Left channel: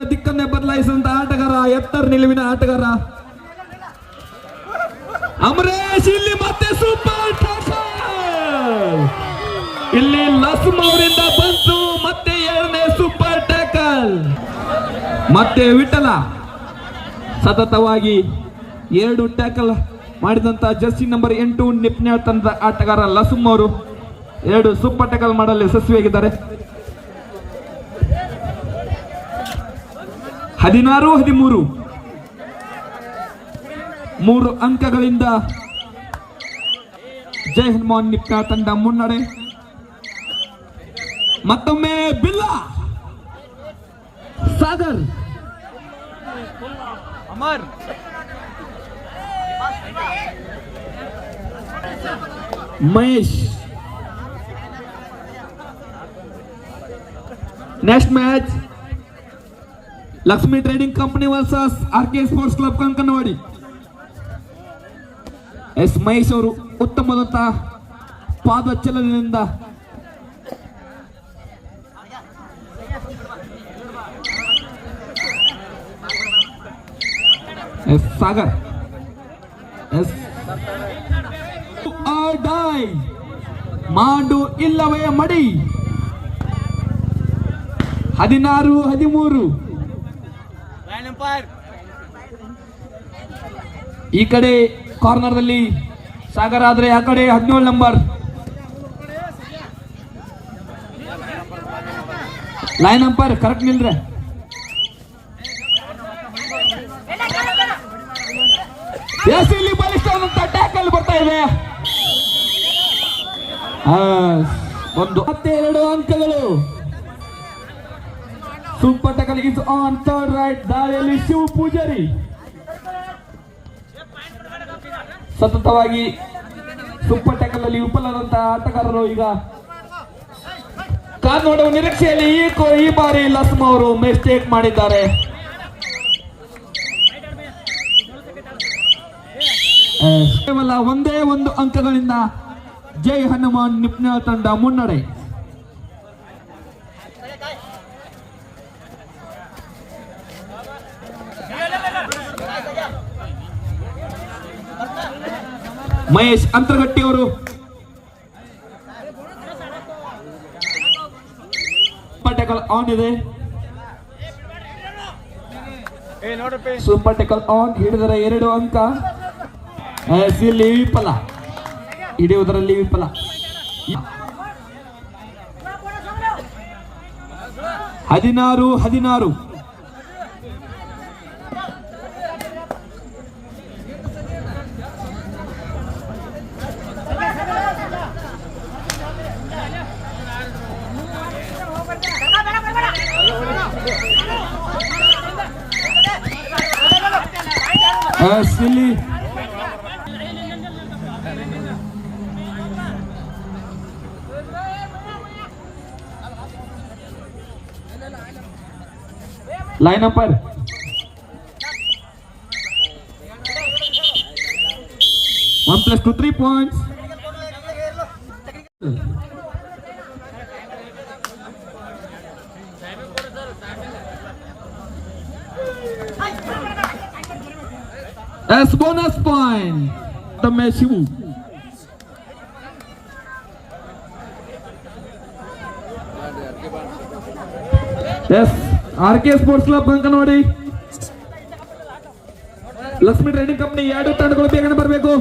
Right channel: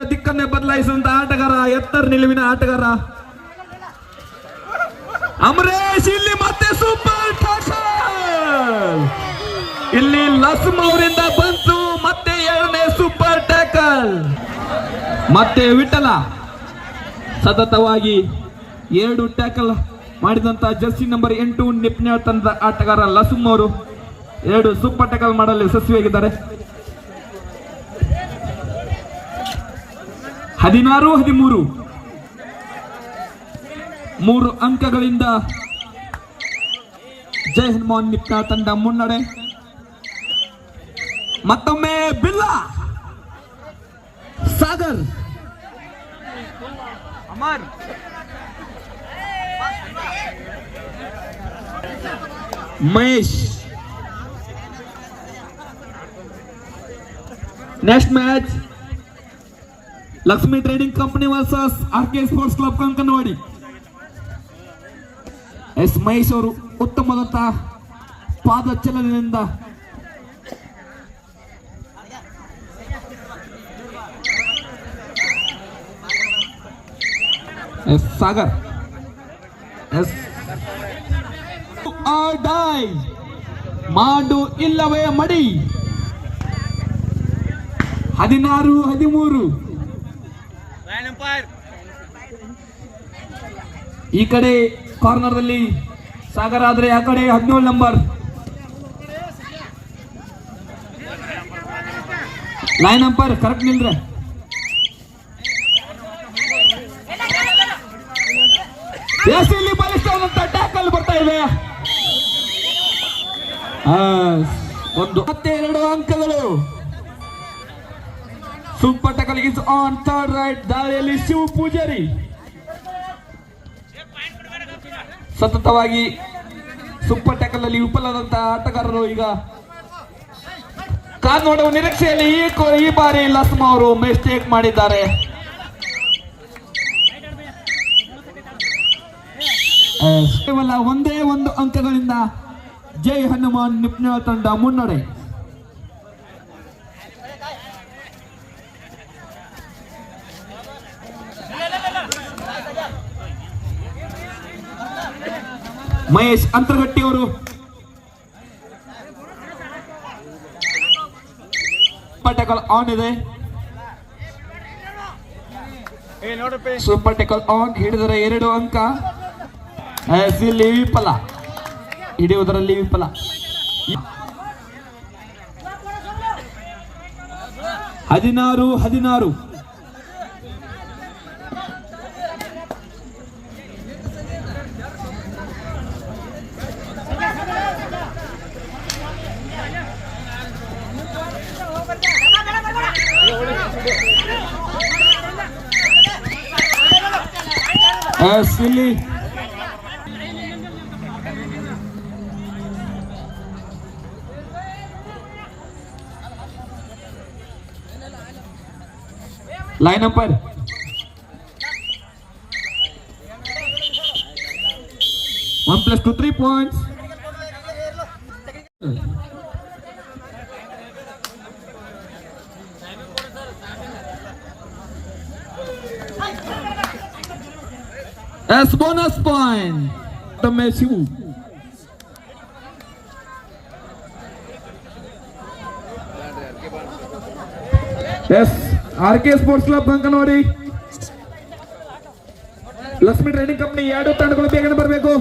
ದಿಕ್ಕನ್ನೇ ಬದಲಾಯಿಸಿದಂತ ಆಟಗಾರ, ಎತ್ತರ ನಿಲುವಿನ ಆಟಗಾರ ಅಮರೇಶ್. ಇಲ್ಲಿ ಮತ್ತೆ ಸೂಪರ್ ಟ್ಯಾಕಲ್, ಇಲ್ಲಿ ಲಸ್ಮ್ ಅವರಿಂದ ಬಂತು ಮತ್ತೆ ಎರಡನೇ ಸೂಪರ್ ಟ್ಯಾಕಲ್. ಮತ್ತೆ ವಿಠಲ ಸತತವಾಗಿ 2 ಟ್ಯಾಕಲ್ ಮಾಡಿದಂತ ಜರ್ಸಿ ನಂಬರ್ 8 ನಿಪ್ನಾಳ್ ತಂಡದ ಆಟಗಾರ ಲಸ್ಮ್ ಅವರು 2 ಸೂಪರ್ ಟ್ಯಾಕಲ್ ಮಾಡಲು ಯಶಸ್ವಿಯಾಗಿದ್ದಾರೆ. 16-13 3 ಅಂಕಗಳಿಂದ ಜೈ ಹನುಮಾನ್ ನಿಪ್ನಾಳ್ ತಂಡ ಮುನ್ನಡೆ. ಮತ್ತೊಮ್ಮೆ Billa Sagar, Mahesh. Next match Lakshmi trading company versus RK sports club Kankanawadi. S Mahesh ಅವರು ಉತ್ತಮವಾದಂತ ಪಾದ ಚಲನೆಯಿಂದ ಎಸ್ ಸಾಗರ್ ಎಸ್ ಡೈ ಮಾಡು ಇಲ್ಲವೇ ಮಡಿ. 16-13 ಈ ಕಡೆ ಕಾರ್ನರ್ ಅಲ್ಲಿ ಸಾಗರ್ ಆದ್ರೆ ಆ ಕಡೆ 17 ನಂಬರ್ ಲೈನ್ ಅಂಪೈರ್ ಕರೆಕ್ಟ್ ನಿಲ್ರೆ. ಇಲ್ಲಿ ಬಲಿಷ್ಠವಾದಂತ ಟ್ಯಾಕಲ್ ಬರ್ತಾ ಇದೆ. ಮತ್ತೆ 2 ಅಂಕಗಳು. Super tackle is on third right. ದಾರಿಯಲ್ಲಿ ಶಿವ ಪೂಜಾರಿ ಸತತವಾಗಿ ಸೂಪರ್ ಟ್ಯಾಕಲ್ ಅಲ್ಲಿ ವಿಫಲವಾದಂತಹ ಆಟಗಾರರು ಈಗ ಕಾದ್ ನೋಡುವ ನಿರೀಕ್ಷೆಯಲ್ಲಿ ಈ ಬಾರಿ ಲಸ್ಮ್ ಅವರು ಮಿಸ್ಟೇಕ್ ಮಾಡಿದ್ದಾರೆ. ಕೇವಲ 1 ಅಂಕಗಳಿಂದ ಜೈ ಹನುಮಾನ್ ನಿಪ್ನಾಳ್ ತಂಡ ಮುನ್ನಡೆ. ಮಹೇಶ್ ಅಂತರಗಟ್ಟಿ ಅವರು ಟ್ಯಾಕಲ್ ಆನ್ ಇದೆ. ಸೂಪರ್ ಟ್ಯಾಕಲ್ ಆನ್ ಹಿಡಿದರೆ 2 ಅಂಕ. ಇಲ್ಲಿ ವಿಫಲ, ಹಿಡಿಯುವುದರಲ್ಲಿ ವಿಫಲ. 16-16 ಇಲ್ಲಿ line umpire One plus 2 3 points. As bonus point the Messi. Yes, RK Sports Club Kankanwadi Lakshmi trading company 2 ತಂಡಗಳು ಬೇಗನೆ ಬರಬೇಕು.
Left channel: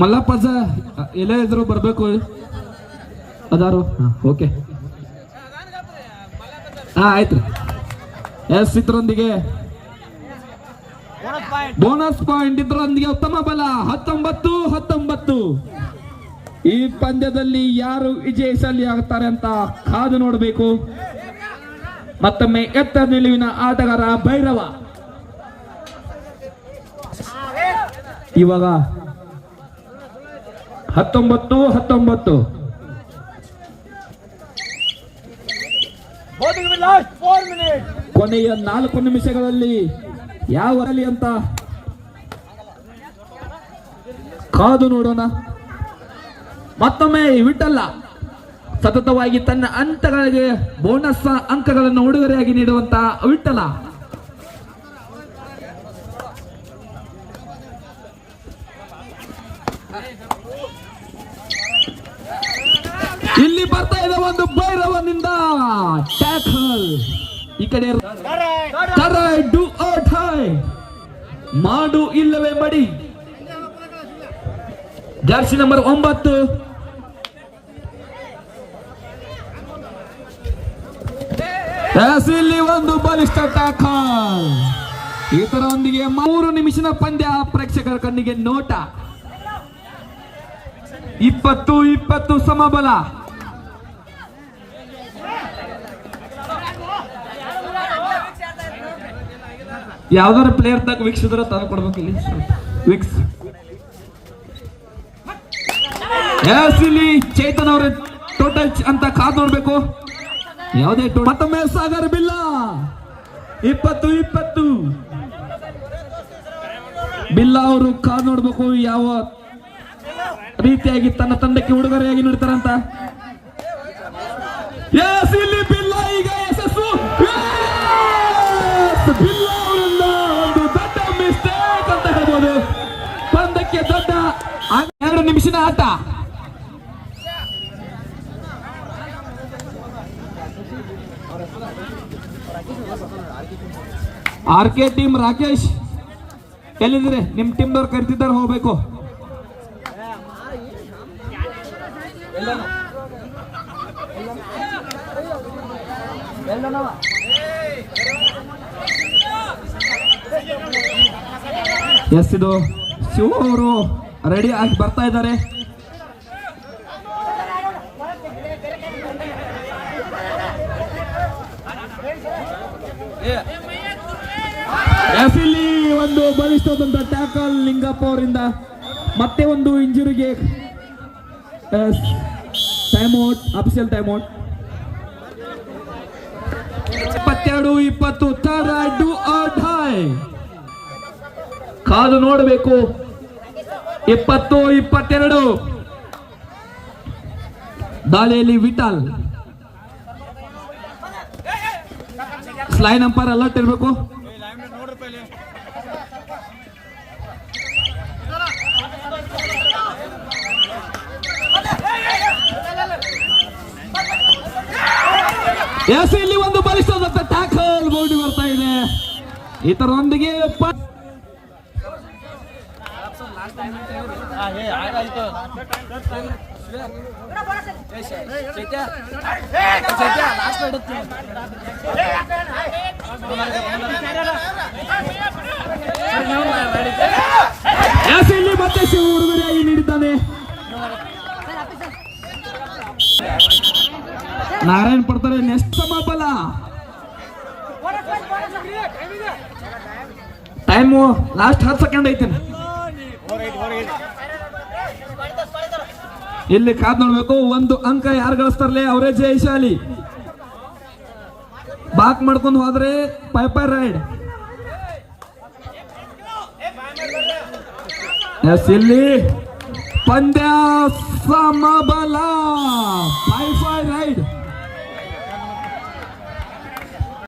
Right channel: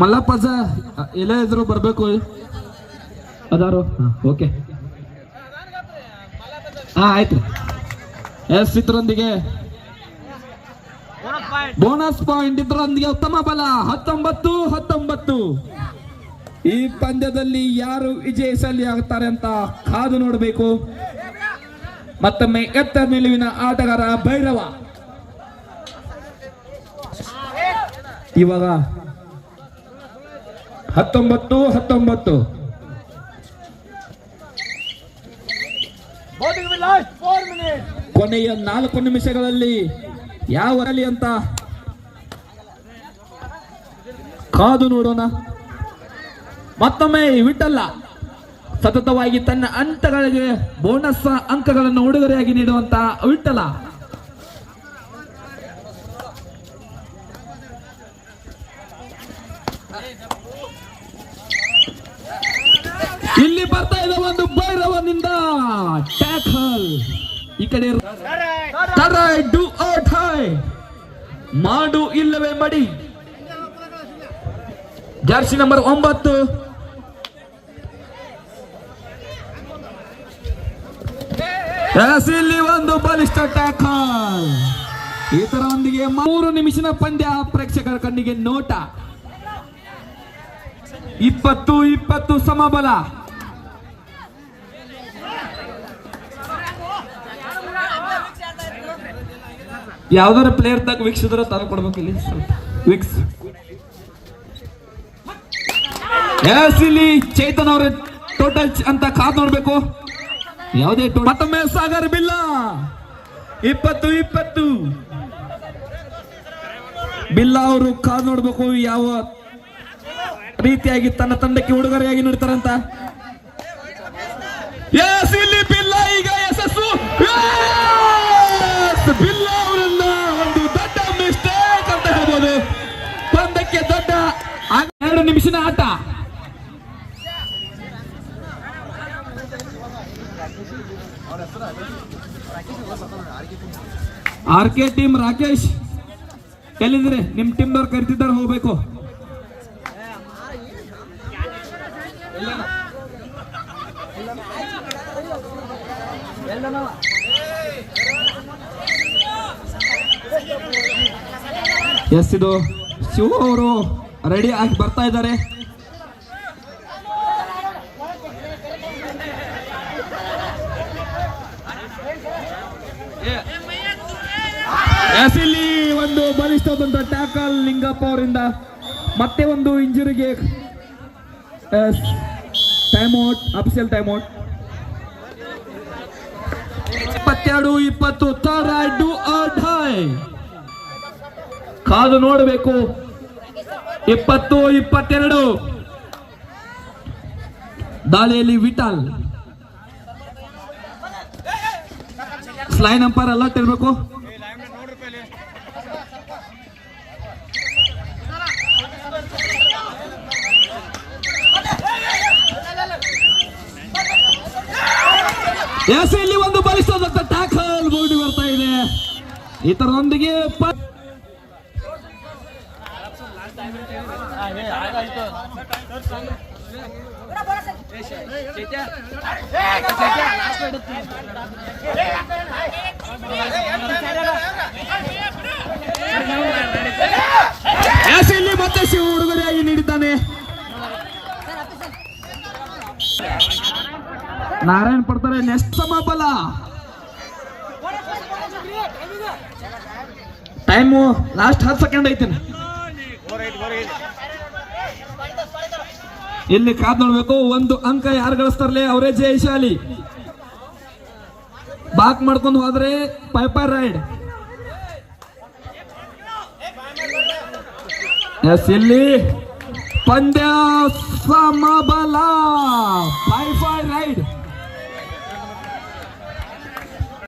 ಮಲ್ಲಪ್ಪಜ ಎಲ್ಲ ಎದುರು ಬರಬೇಕು ಅದಾರು. ಓಕೆ ಆಯ್ತು. ಎಸ್ ಇದರೊಂದಿಗೆ ಬೋನಸ್ ಪಾಯಿಂಟ್, ಇದರೊಂದಿಗೆ ಉತ್ತಮ ಬಲ. 19-19 ಈ ಪಂದ್ಯದಲ್ಲಿ ಯಾರು ವಿಜಯಿಸಲಿ ಆಗುತ್ತಾರೆ ಅಂತ ಕಾದು ನೋಡಬೇಕು. ಮತ್ತೊಮ್ಮೆ ಎತ್ತರ ನಿಲುವಿನ ಆಟಗಾರ ಭೈರವ ಇವಾಗ 19-19 Both will last 4 minutes. ಕೊನೆಯ 4 ನಿಮಿಷಗಳಲ್ಲಿ ಯಾವ ಬರಲಿ ಅಂತ ಕಾದು ನೋಡೋಣ. ಮತ್ತೊಮ್ಮೆ ವಿಠಲ ಸತತವಾಗಿ ತನ್ನ ಅಂಕಗಳಿಗೆ ಬೋನಸ್ ಅಂಕಗಳನ್ನು ಉಡುಗೊರೆಯಾಗಿ ನೀಡುವಂತ ವಿಠಲ. ಇಲ್ಲಿ ಬರ್ತಾ ಇದೆ ಒಂದು ಭೈರವನಿಂದ ಟ್ಯಾಕಲ್. ಈ ಕಡೆ ಡು ಆರ್ ಡೈ, ಮಾಡು ಇಲ್ಲವೇ ಮಡಿ. ಜರ್ಸಿ ನಂಬರ್ 9 ಇಲ್ಲಿ ಒಂದು ಬಲಿಷ್ಠ ಟ್ಯಾಕಲ್. ಇದರೊಂದಿಗೆ 3 ನಿಮಿಷದ ಪಂದ್ಯ ಪ್ರೇಕ್ಷಕರ ಕಣ್ಣಿಗೆ ನೋಟ. 20-20 ಸಮಬಲ. ಯಾವ್ದಾರ ಪ್ಲೇಯರ್ ತಗ ವೀಕ್ಷಿಸಿದ್ರೆ ತರ ಕೊಡ್ಬೇಕು ಇಲ್ಲಿ ವಿಕ್ಸ್. ಇಲ್ಲಿ ಚೇತನ್ ಅವರ ಟೋಟಲ್ ಅಂತ ಕಾದ್ ನೋಡ್ಬೇಕು. ಯಾವುದೇ ಮತ್ತೊಮ್ಮೆ ಸಾಗರ್ ಬಿಲ್ಲ 20-20 ಬಿಲ್ಲ ಅವರು ಕಾದ್ ನೋಡ್ಬೇಕು ಯಾವ ರೀತಿಯಾಗಿ ತನ್ನ ತಂಡಕ್ಕೆ ಉಡುಗೊರೆಯಾಗಿ ನೀಡ್ತಾರಂತ. ಇಲ್ಲಿ ಬಿಲ್ಲ ಈಗ ಯಶಸ್ಸು. ಬಿಲ್ಲ ಅವರನ್ನ ಒಂದು ದೊಡ್ಡ ಮಿಸ್ಟೇಕ್ ಅಂತ ಹೇಳ್ಬೋದು. ಪಂದ್ಯಕ್ಕೆ ದೊಡ್ಡ 2 ನಿಮಿಷದ ಆಟ. RK ಟೀಮ್ ರಾಕೇಶ್ ಎಲ್ಲಿದ್ರೆ ನಿಮ್ ಟೀಮ್ದವ್ರು ಕರಿತಿದ್ದವ್ರು ಹೋಗ್ಬೇಕು. ಎಸ್ ಇದು ಶಿವ ಅವರು ರೆಡಿ ಆಗಿ ಬರ್ತಾ ಇದ್ದಾರೆ. ಎಸ್ ಇಲ್ಲಿ ಒಂದು ಬಲಿಷ್ಠವಾದಂತ ಟ್ಯಾಕಲ್ ಲಿಂಗಪ್ಪ ಅವರಿಂದ. ಮತ್ತೆ ಒಂದು ಇಂಜುರಿಗೆ time out, official time out. 22-20 do or die. ಕಾದು ನೋಡಬೇಕು. 20-22 ದಾಳಿಯಲ್ಲಿ ವಿಠಲ್. ಲೈನ್ ಅಂಪೈರ್ ಅಲರ್ಟ್ ಇರಬೇಕು. ಎಸ್ ಇಲ್ಲಿ ಒಂದು ಬಲಿಷ್ಠವಾದಂತ ಟ್ಯಾಕಲ್ ಬೋರ್ಡ್ ಬರ್ತಾ ಇದೆ. ಇದರೊಂದಿಗೆ ಇಲ್ಲಿ ಮತ್ತೆ ಶಿವ ಉಡುಗೊರೆಯಾಗಿ ನೀಡಿದ್ದಾನೆ. ನಾರಾಯಣ್ ಪಡ್ತಾರೆ. ನೆಕ್ಸ್ಟ್ ಸಮಬಲ. ಟೈಮು ಲಾಸ್ಟ್ 10 ಸೆಕೆಂಡ್ ಐತಿ. ಇಲ್ಲಿ ಕಾದ್ ನೋಡ್ಬೇಕು. 1 ಅಂಕ ಯಾರು ಗಳಿಸ್ತಾರಲ್ಲ ಅವರೇ ಜಯಶಾಲಿ. ಬಾಕ್ ಮಾಡ್ಕೊಂಡು ಹೋದ್ರೆ ಪೈಪರ್ ರೈಡ್. ಎಸ್ ಇಲ್ಲಿ ಪಂದ್ಯ ಸಮಬಲ.